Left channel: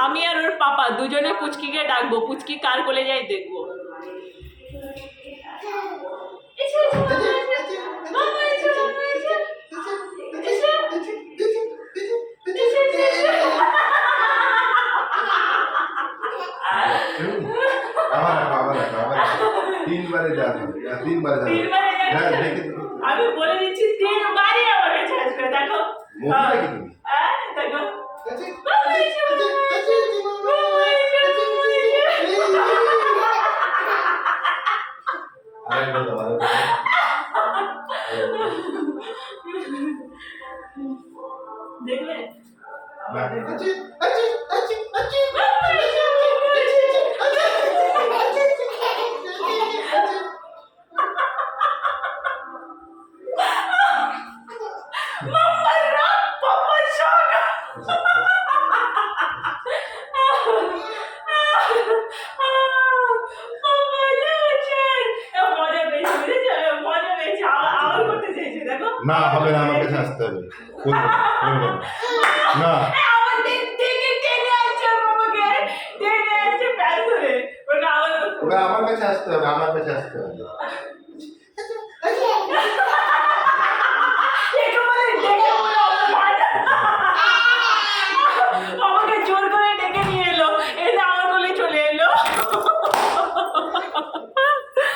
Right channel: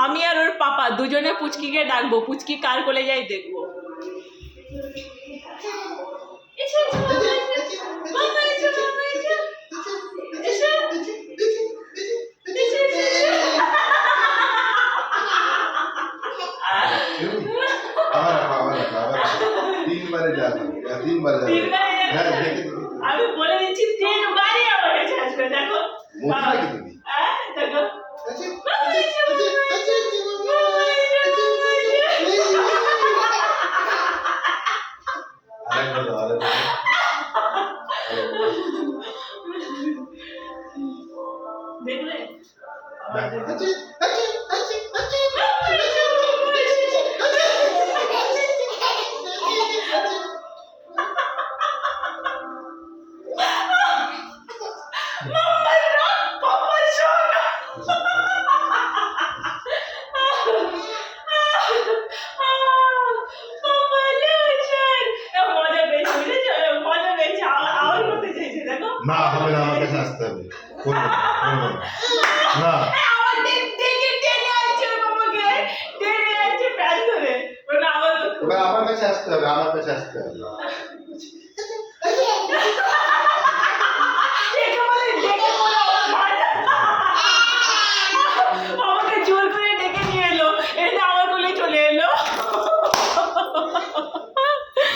আমি আর ওর পাপা দুজনে পুচকিকে ডাকবো, পুচকি কার কোলে যাই দেখবো। আমি বলে দিচ্ছি 3 বারই আমার কাছে আসবে। দেখো দেখো দেখলে না হবে না, আমাকে আসতে হবে। না ওটা আমার কাছে আসতে হবে, আমার কাছে আসতে হবে।